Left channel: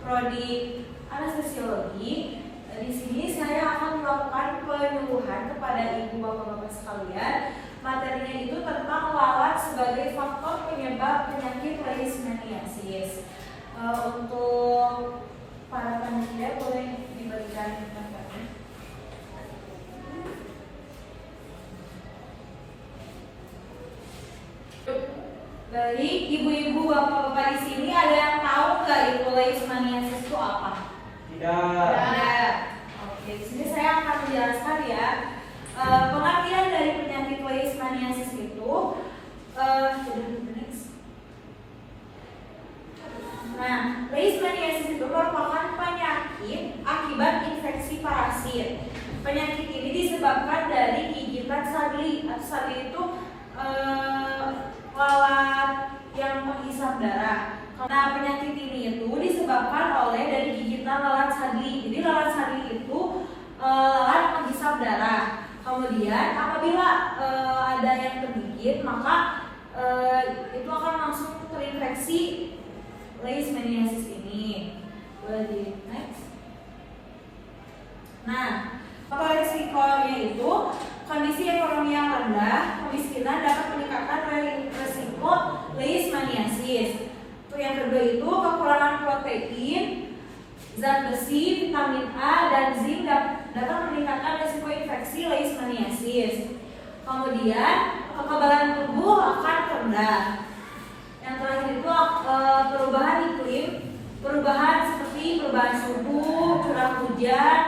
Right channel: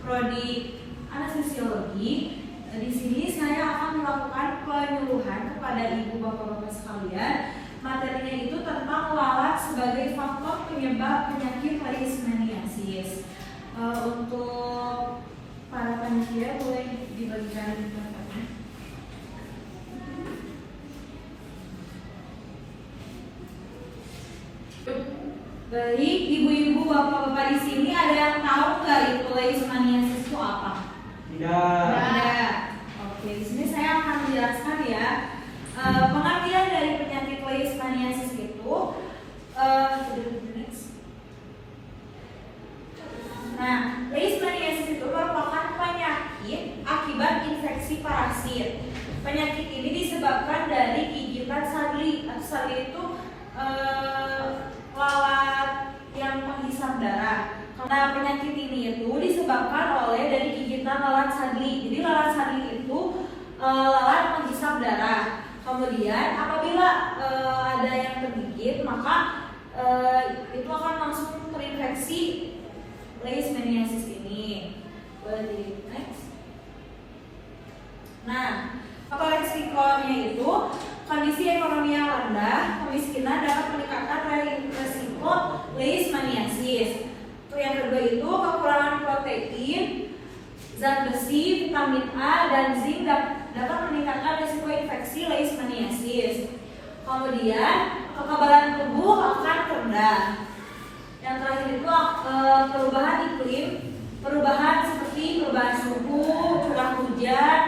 prodi anestesiologi. Di sini saya akan melakukan penyuluhan kepada ibu bapak-bapak sekalian. Materinya itu tentang lalat sebagai faktor penyebab penyakit leishmaniasis. Untuk para panitia boleh dibagikan materinya. Baik, ibu-ibu, bapak-bapak di sini ada yang tahu nggak itu leishmaniasis itu apa? Tidak. Oke, di sini saya akan menjelaskan ya. Pengertian dari penyakit leishmaniasis itu. Nah, leishmaniasis itu merupakan penyakit akibat infeksi parasit. Penyakit ini disebabkan dari gigitan sagli. Sagli itu lalat yang penghisap darah. Nah, penyakit ini itu disebabkan oleh dari gigitan lalat sagli. Jadi lalat sagli itu lalat penghisap darah. Kemudian apabila ada yang tergigit, maka itu akan langsung terinfeksi leishmaniasis ini. Boleh di next. Nah, faktor resikonya itu kondisi ekonomi yang rendah, kemiskinan dapat meningkatkan resiko leishmaniasis. Yang kedua itu kekurangan protein, zat besi, vitamin A, dan zinc dapat meningkatkan risiko infeksi leishmaniasis. Kemudian kekebalan tubuh akan rendah. Yang terakhir itu perubahan iklim, perubahan seperti perubahan suhu, curah hujan,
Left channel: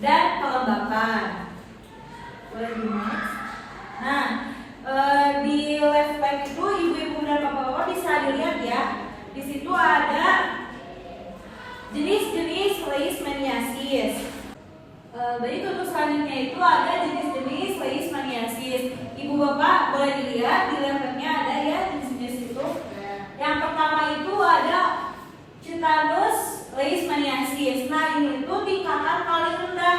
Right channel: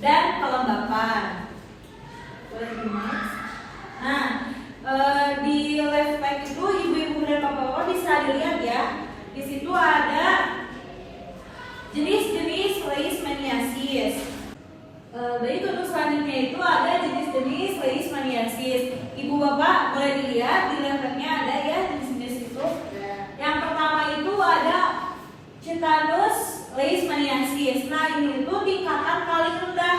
dan kelembapan. Boleh di next. Nah, di left pad itu ibu-ibu dan bapak-bapak bisa dilihat ya. Di situ ada jenis-jenis leishmaniasis. Baik, untuk selanjutnya itu ada jenis-jenis leishmaniasis. Ibu bapak boleh dilihat di levelnya ada ya jenis-jenis itu. Yang pertama itu ada Chitanus leishmaniasis. Nah, ini itu tingkatan paling rendah.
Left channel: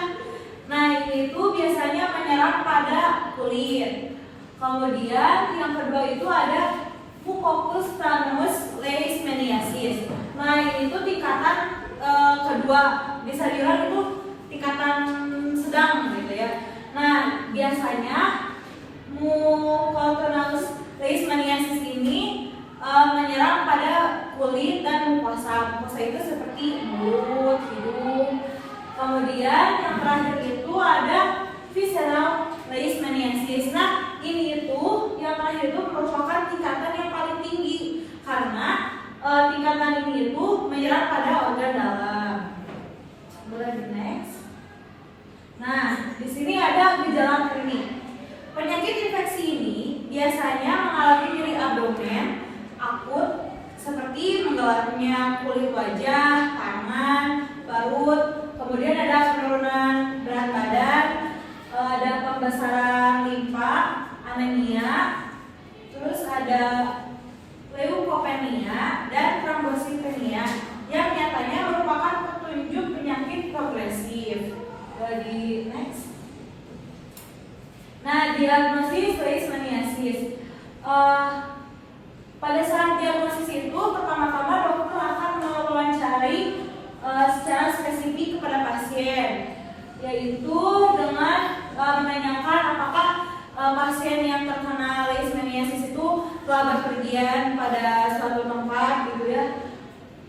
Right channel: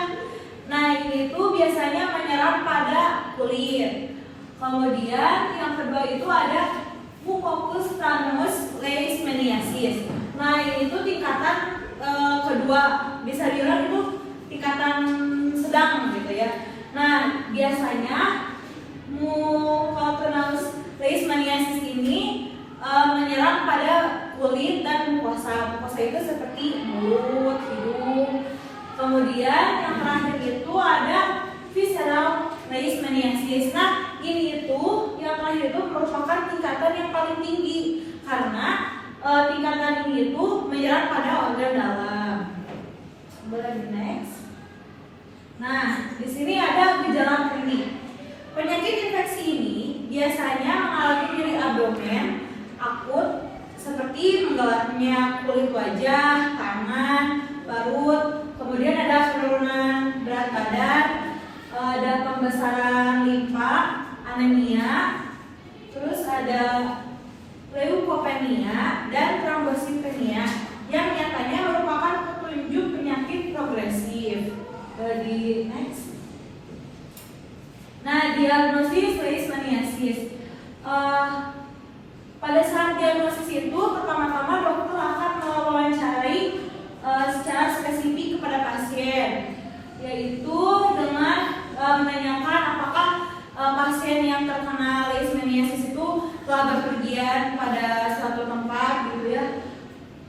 Nah, ini itu biasanya menyerang pada kulit. Kemudian yang kedua itu ada Mucopus thanos leishmaniasis. Nah, ini itu tingkatan kedua, bisa dibilang itu tingkatan sedang gitu ya. Nah, biasanya Mucopus leishmaniasis ini menyerang pada kulit dan mukosa. Mukosa itu seperti mulut, hidung. Kemudian yang terakhir itu ada visceral leishmaniasis. Nah, ini itu yang terakhir itu merupakan tingkatan yang paling tinggi karena tingkatan ini itu menyerang pada organ dalam. Boleh di next. Nah, di sini ada gejala klinik. Penyakit infeksi ini biasanya mengalami nyeri abdomen akut seperti menggelapnya kulit wajah, tangan, perut. Kemudian ada penurunan berat badan, ada pembesaran limfa, anemia, terus ada leukopenia dan trombositopenia yang nyatanya merupakan petunjuk penyakit progresif. Di next. Nah, diagnosis leishmaniasis. Pada saat diagnosis itu pertama-tama dokter akan mewawancarai secara spesifik kepada pasien, yaitu dengan menanyakan apakah pasien yang terkena leishmaniasis itu telah berpergian pada suatu tempat gitu ya,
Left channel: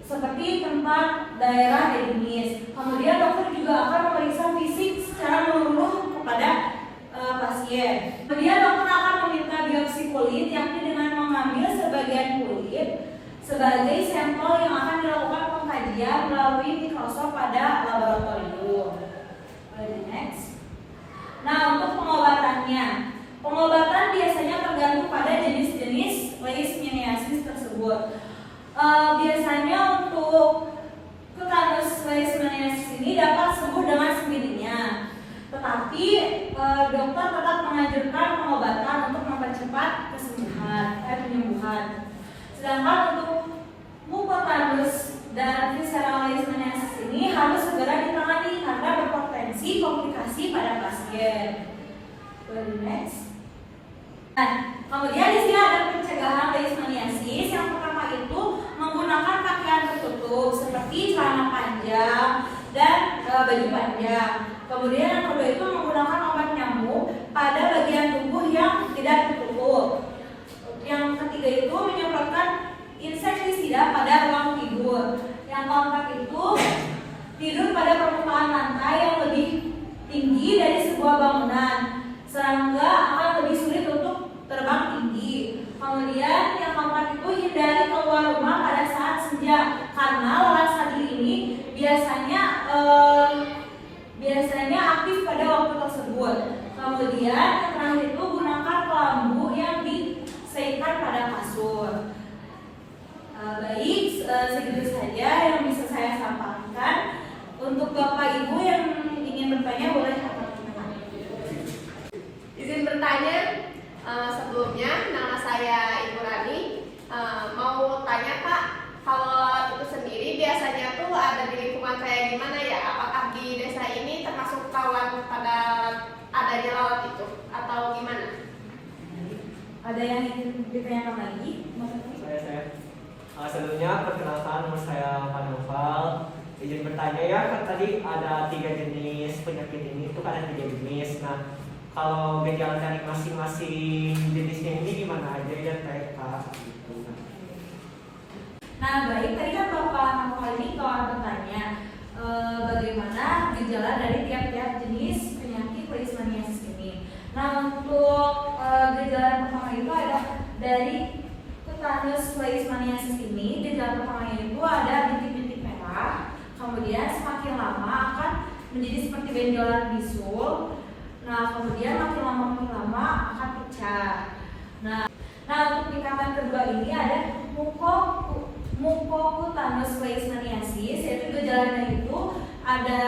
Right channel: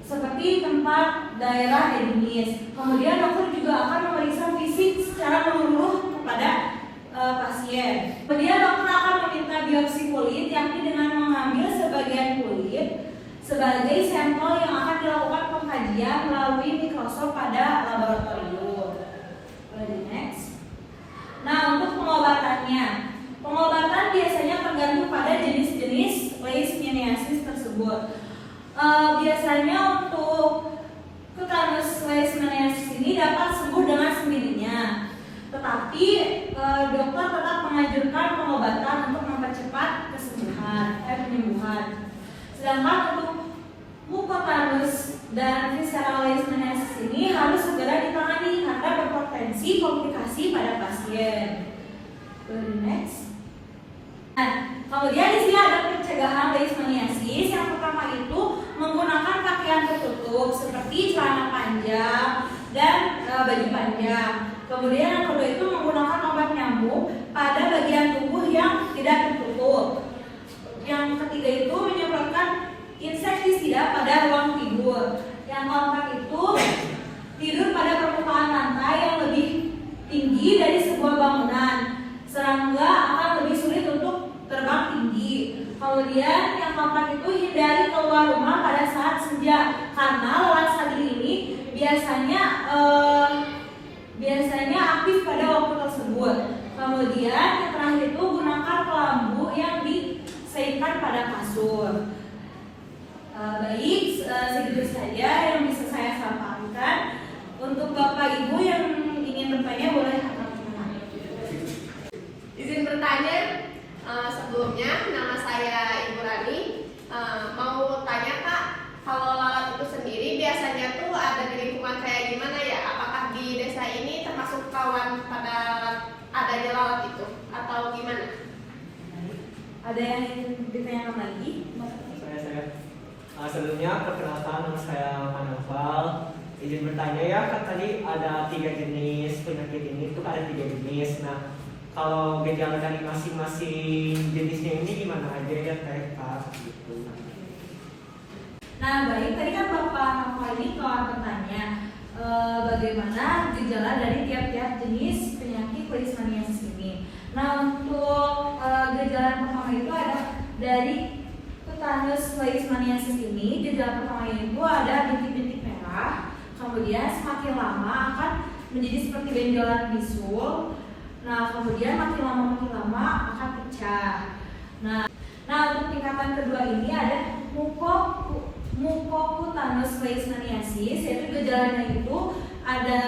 seperti tempat daerah endemis. Kemudian dokter juga akan memeriksa fisik secara menyeluruh kepada pasien. Kemudian dokter akan meminta biopsi kulit, yakni dengan mengambil sebagian kulit sebagai sampel yang akan dilakukan pengkajian melalui mikroskop pada laboratorium. Next. Nah, untuk pengobatannya, pengobatan biasanya tergantung pada jenis-jenis leishmaniasis tersebut. Biasanya untuk Chitanus leishmaniasis ini dapat sembuh dengan sendirinya, tetapi dokter tetap menganjurkan pengobatan untuk mempercepat penyembuhan. Sedangkan untuk Mucopus dan visceral leishmaniasis ini harus segera ditangani karena berpotensi komplikasi pada pasien. Next. Nah, kemudian di sini ada pencegahan leishmaniasis. Yang pertama itu menggunakan pakaian tertutup. tertutup seperti celana panjang dan baju panjang. Kemudian yang kedua itu menggunakan obat nyamuk pada bagian tubuh yang tidak tertutup. Yang ketiga itu menyemprotkan insektisida pada ruang tidur. Yang keempat itu tidur pada permukaan lantai yang lebih tinggi dari sebuah bangunan. Serangga akan lebih sulit untuk terbang tinggi. Kemudian yang keempat itu hindari keluar rumah pada saat senja karena lalat sagir ini biasanya aktif pada waktu tersebut. Kemudian yang terakhir itu gunakan kelambu yang diselipkan pada kasur. Baik, segitu saja yang bisa saya sampaikan. Untuk Bapak Ibu yang ingin bertanya boleh angkat. Izin bertanya, sebelumnya nama saya Ibu Rani. Mau tanya Kak, kalau itu sendiri biasanya tuh ada di lingkungan kayak gimana ya? Apakah di desa ini termasuk kawan pada adanya lalat itu atau gimana? Ada yang ingin ditanyakan lagi? Saya. Sebelumnya perkenalkan, nama saya Pak Noval. Izin bertanya ya, kan tadi ada 3 jenis penyakit ini, itu kan ada 3 jenis. Nah, kalau gejala dari masing-masing jenisnya ini gimana aja ya kayak gitu. Nah, baik, tadi kan Bapak Noval ini telah bertanya bagaimana gejala dari tiap-tiap jenis penyakit leishmaniasis ini. Nah, untuk gejala yang pertama itu ada dari tetanus leishmaniasis ini. Gejala pertamanya itu ada bintik-bintik merah, kemudian semakin lama akan menjadi seperti benjolan bisul. Nah, kemudian makin lama akan pecah. Nah, untuk tingkatan kedua ini ada mukokutanus leishmaniasis, yaitu gejalanya itu ada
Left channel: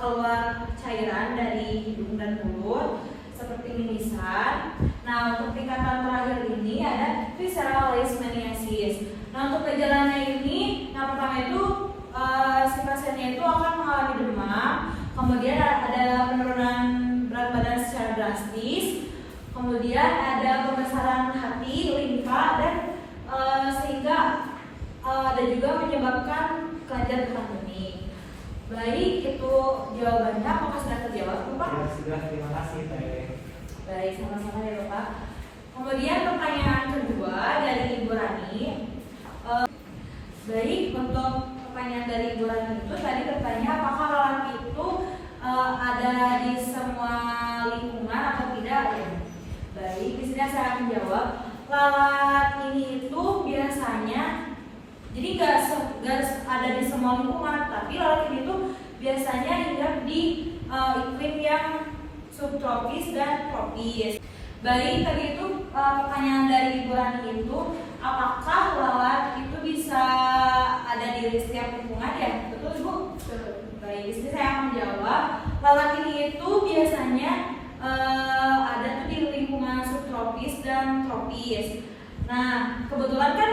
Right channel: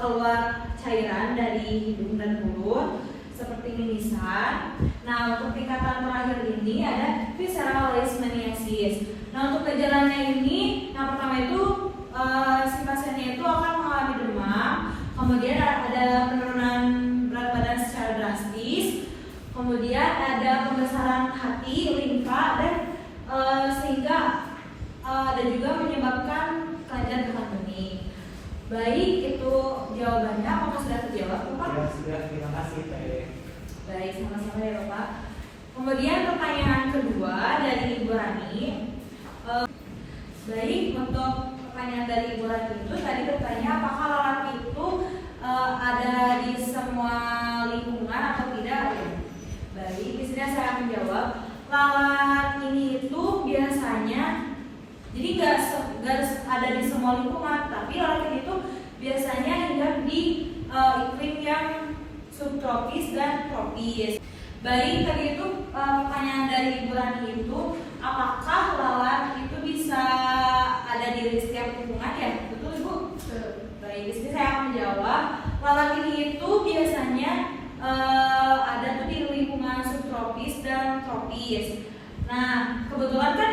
keluar cairan dari hidung dan mulut seperti mimisan. Nah, untuk tingkatan terakhir ini ada visceral leishmaniasis. Nah, untuk gejalanya ini yang pertama itu si pasiennya itu akan mengalami demam, kemudian ada penurunan berat badan secara drastis, kemudian ada pembesaran hati, limfa, dan sehingga ada juga menyebabkan kelenjar getah bening. Baik, itu jawabannya. Apakah sudah terjawab, Pak? Ya, sudah, terima kasih Pak. Baik, sama-sama ya Bapak. Kemudian pertanyaan kedua dari Ibu Rani. Baik, untuk pertanyaan dari Ibu Rani itu tadi bertanya apakah lalat itu ada di semua lingkungan atau tidak? Baik, di sini saya menjawab, lalat ini itu biasanya jadi nggak ada di semua lingkungan, tapi lalat ini tuh biasanya hidup di iklim yang subtropis dan tropis. Baik, tadi itu pertanyaan dari Ibu Rani itu apakah lalat itu bisa ada di setiap lingkungan ya? Betul Bu? Baik, di sini saya menjawab, lalat ini itu biasanya ada tuh di lingkungan subtropis dan tropis. Nah, kebetulan kan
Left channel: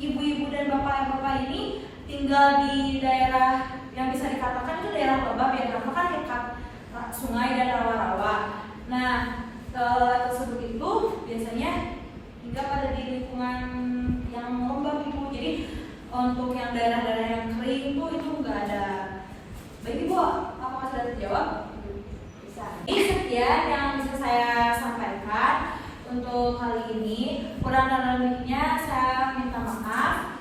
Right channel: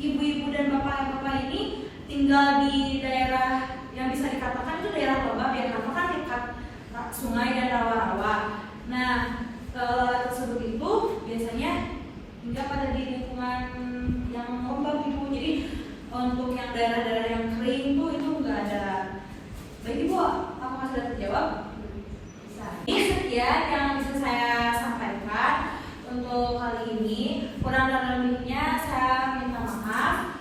ibu-ibu dan bapak-bapak ini tinggal di daerah yang bisa dikatakan itu daerah lembab ya, karena kan dekat sungai dan rawa-rawa. Nah, tersebut itu biasanya tinggal pada di lingkungan yang lembab gitu. Jadi untuk yang daerah-daerah yang kering itu nggak ada. Baik Ibu, apakah sudah terjawab? Bisa. Ini sekian yang bisa saya sampaikan untuk kali ini. Kurang dan lebihnya saya minta maaf.